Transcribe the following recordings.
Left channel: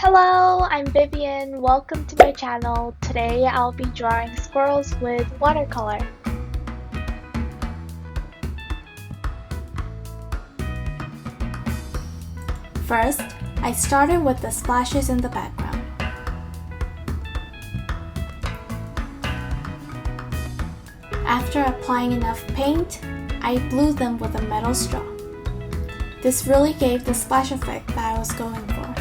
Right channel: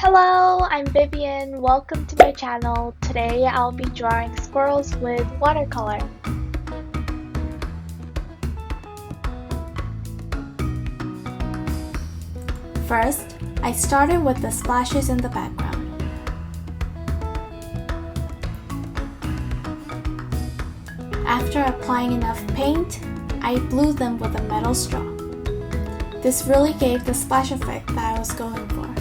Hello, I'm Vivian. Welcome to my channel. Today I'll be drawing squirrels with watercolor. First, I started with the splashes in the background. After applying enough paint, I blew them with a metal straw. This really gave the splash effect that I was going for.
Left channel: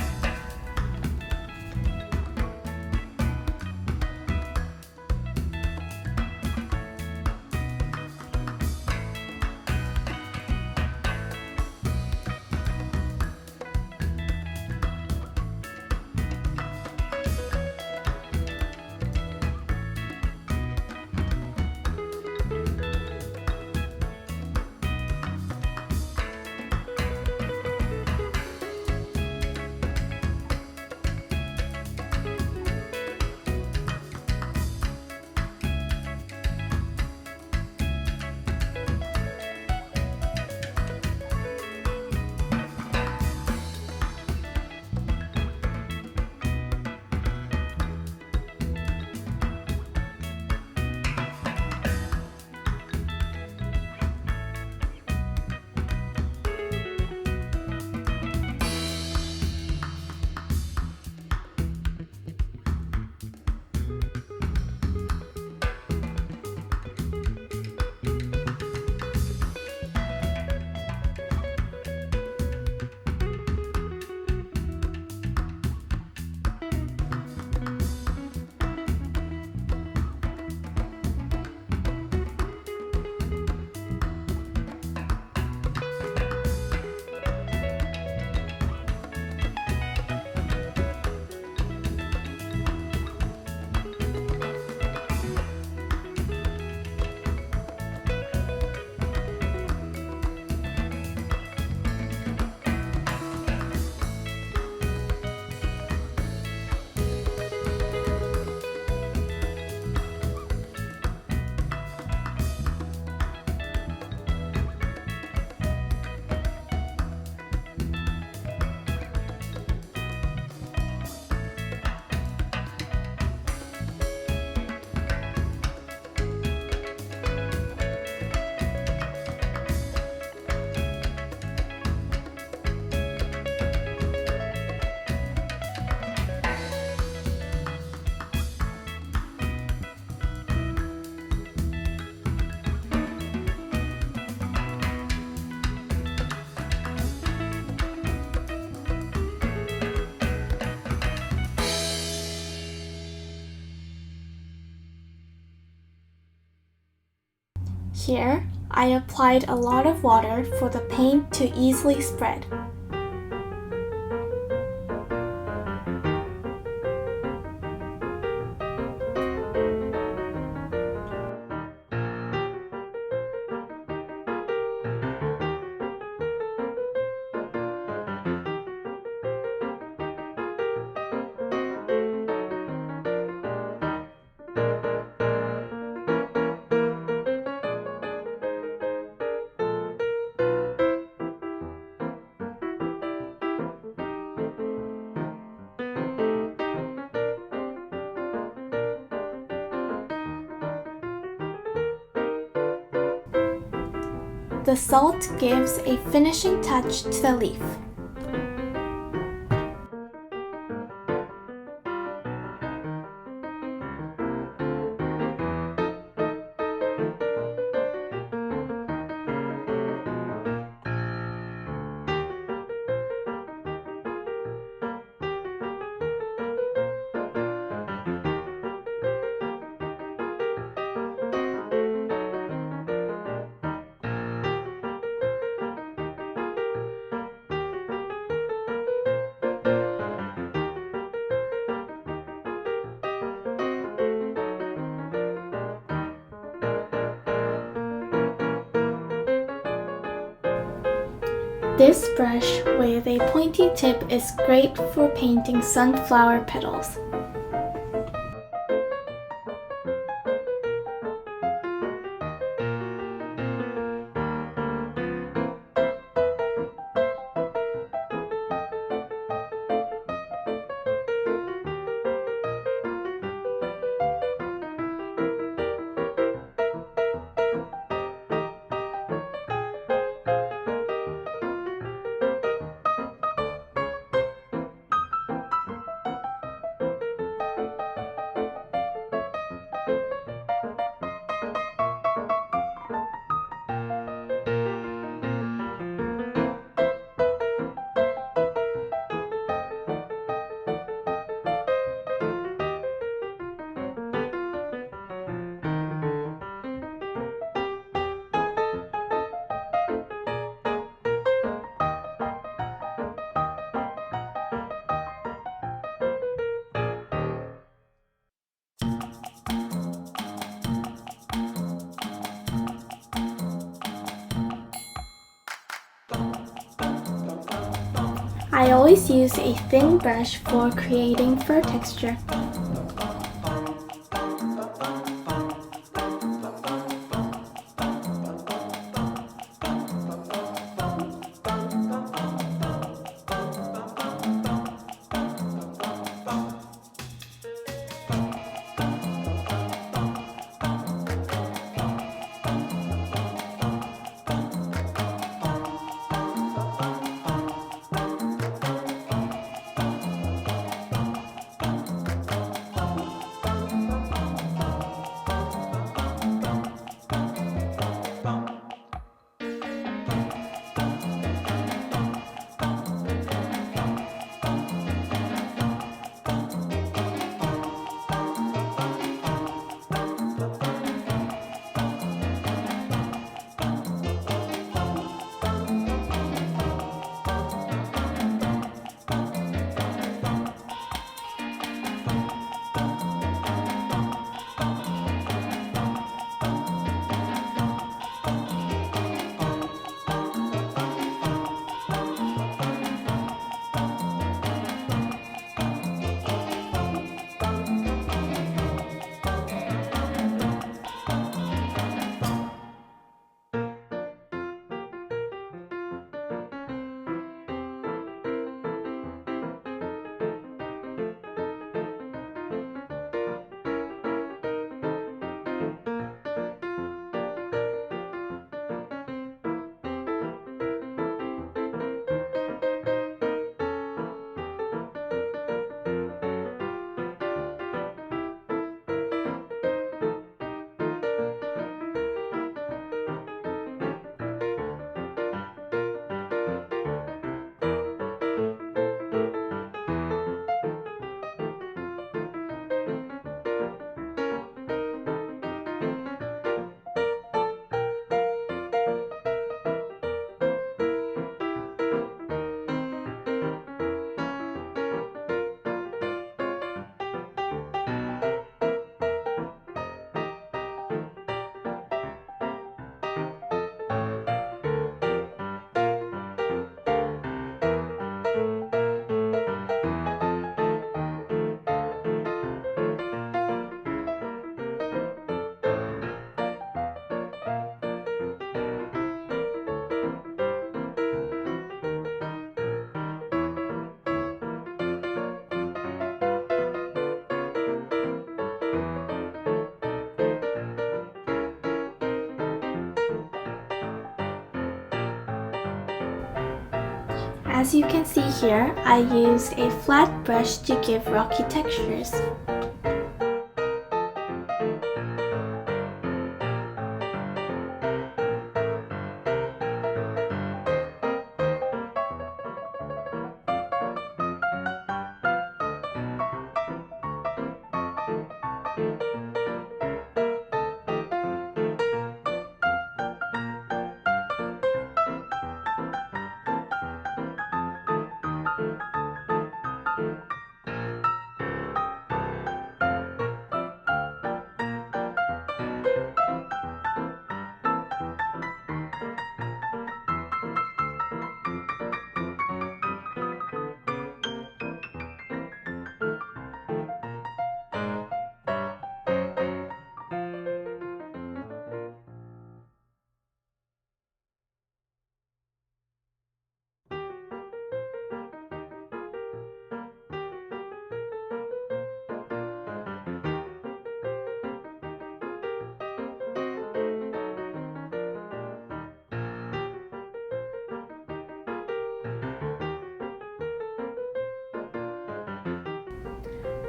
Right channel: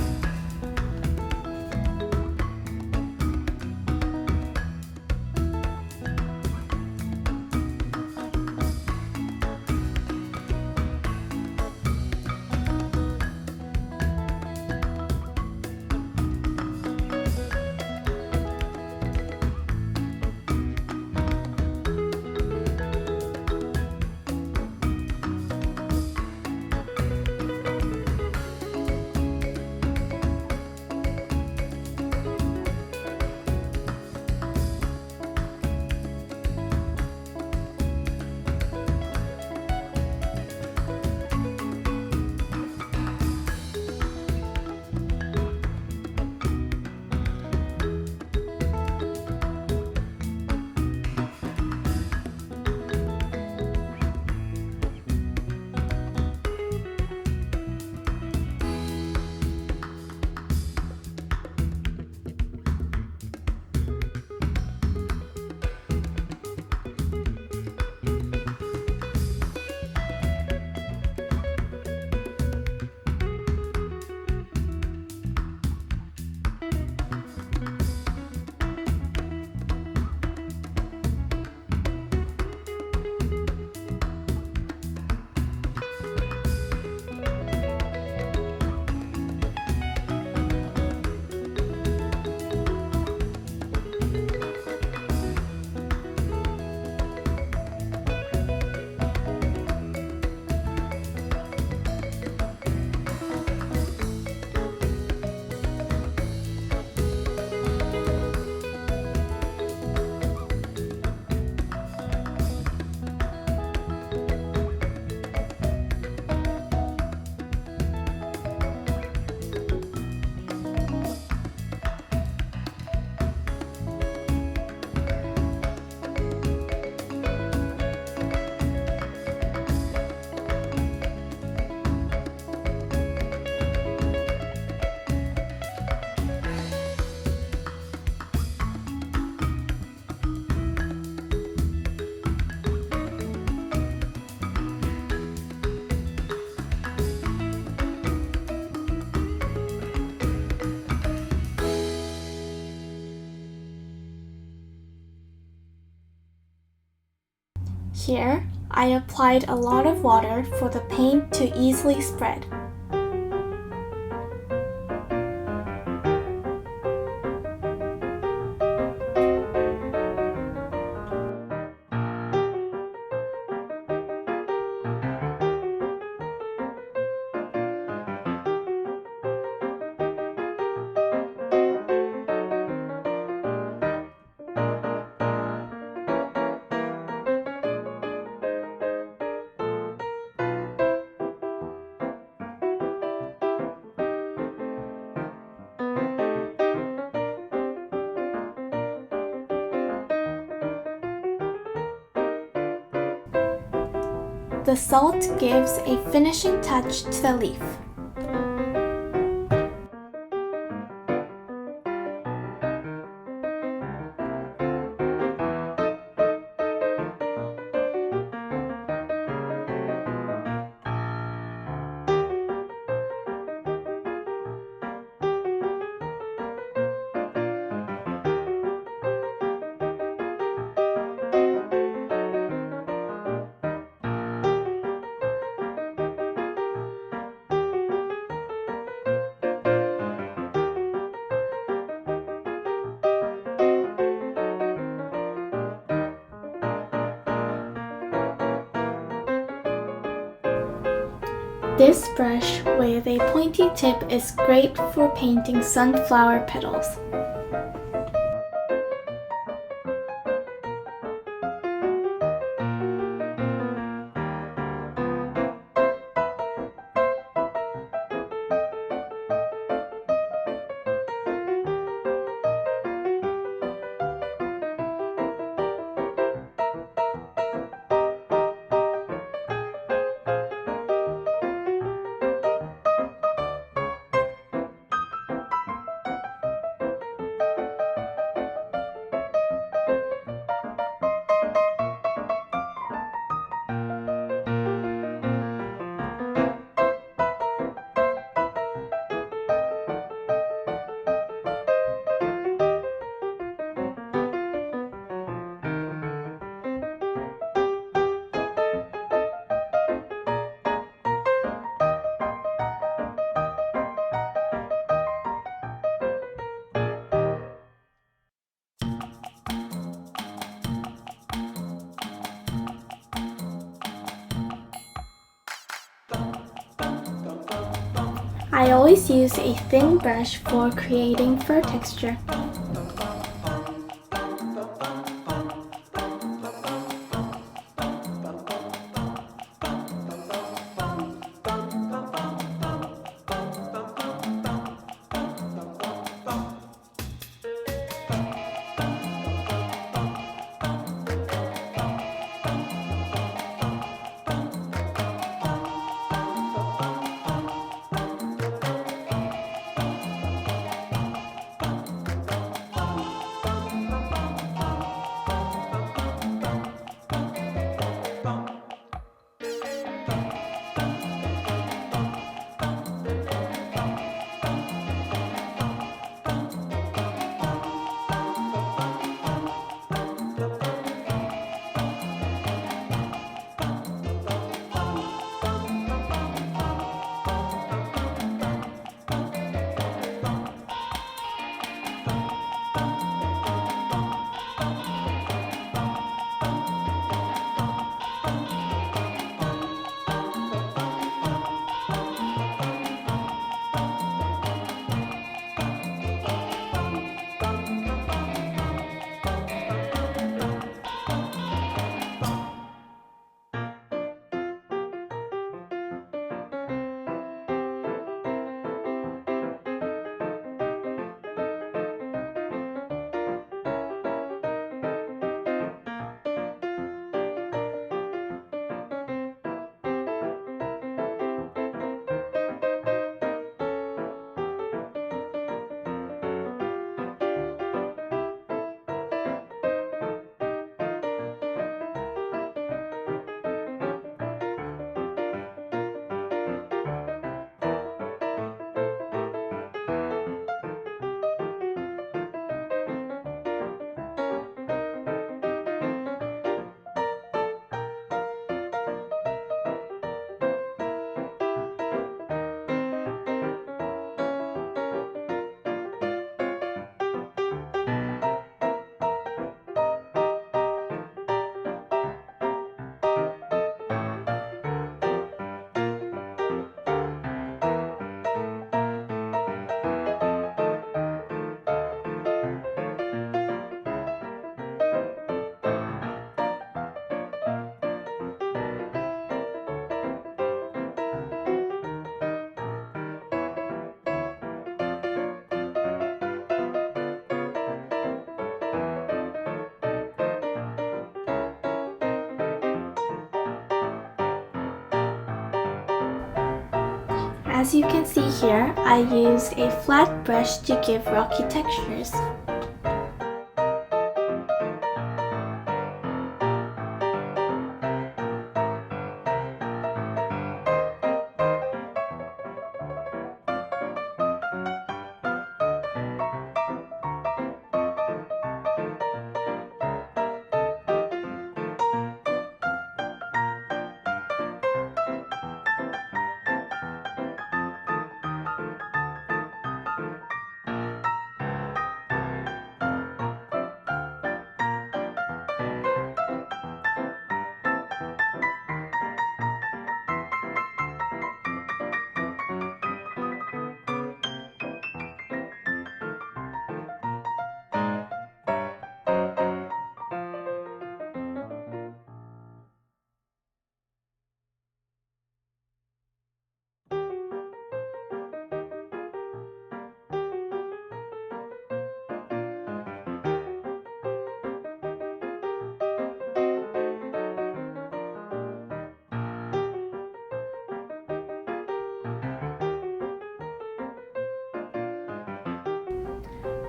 Here, I applied a lot of water for the paint to easily spread. The salt gives a finishing touch to the leaf. This brush with a pointy tip is great for painting sunflower petals. I always use a thin brush for creating fur texture. As you can see here, I used a flat brush to give rocky textures.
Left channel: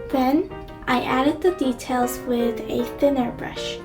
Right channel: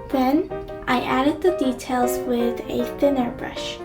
Then, I added the details with a thinner brush.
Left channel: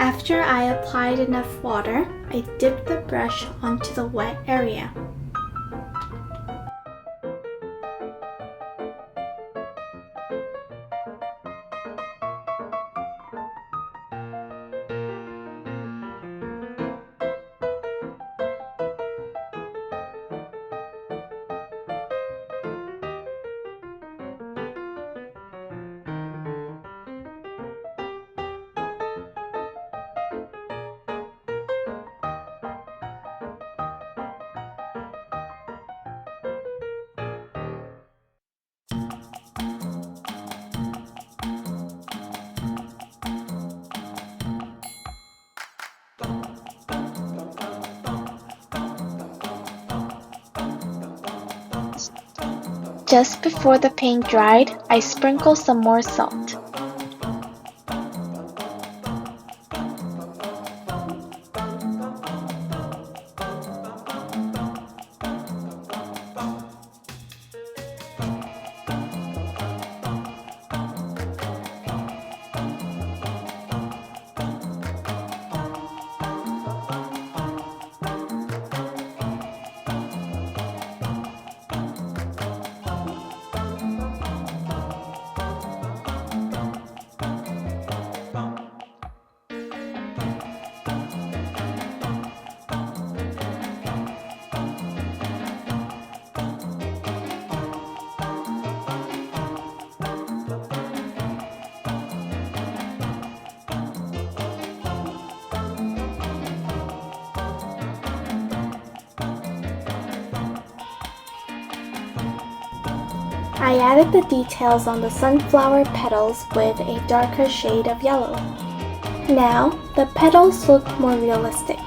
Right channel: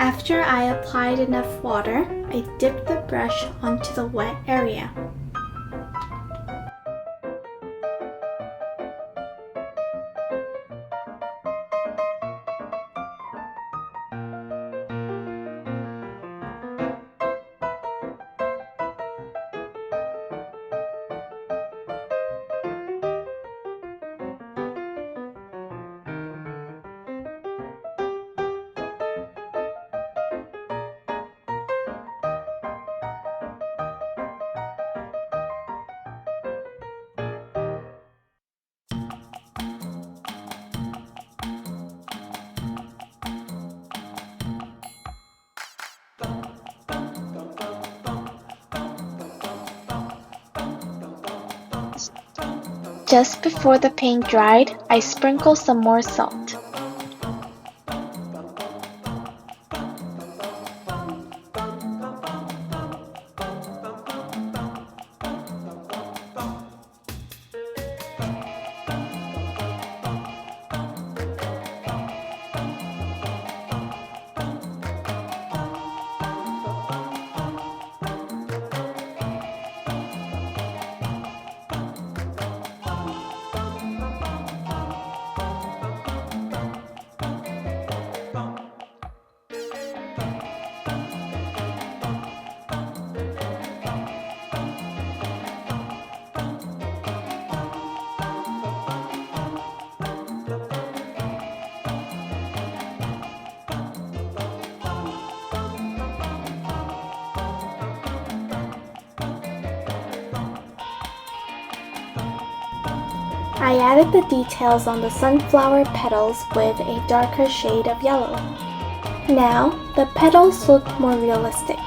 After I applied enough water, I dipped the brush onto the wet area. Just before the paint dried, I sprinkled some more salt. I added the details on the sunflower petals with a darker shade of yellow. Now, the petals look more realistic.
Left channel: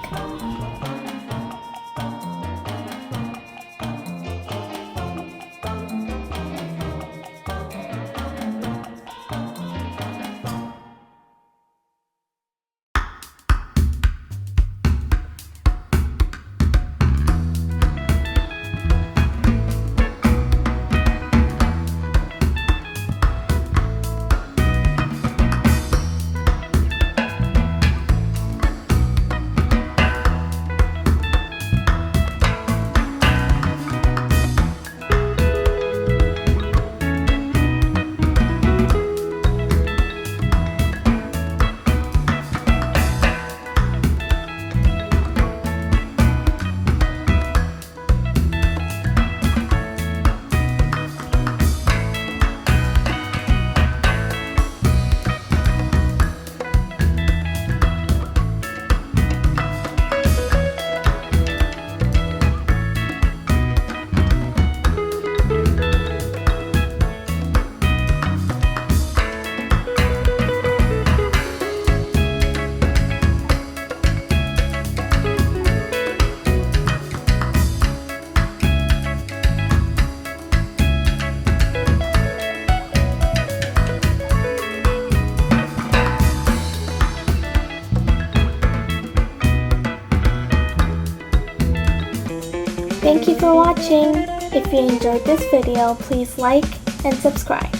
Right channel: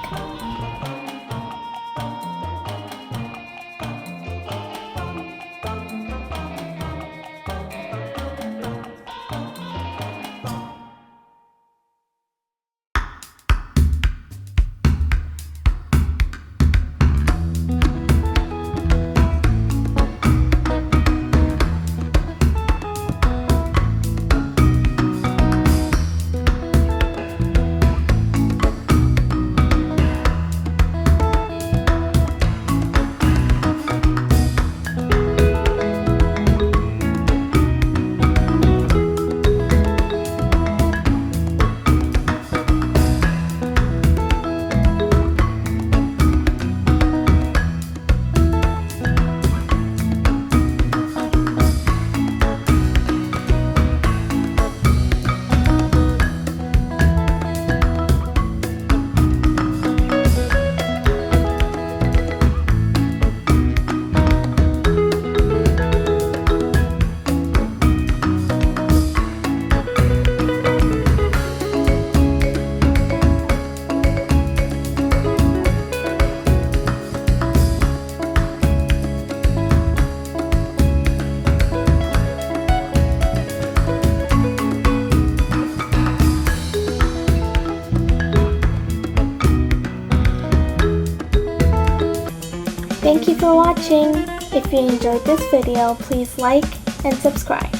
Thank you for watching. If you enjoyed this video, please like and subscribe.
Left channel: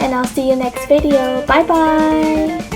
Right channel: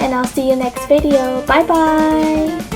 And I'll see you next video. Bye bye!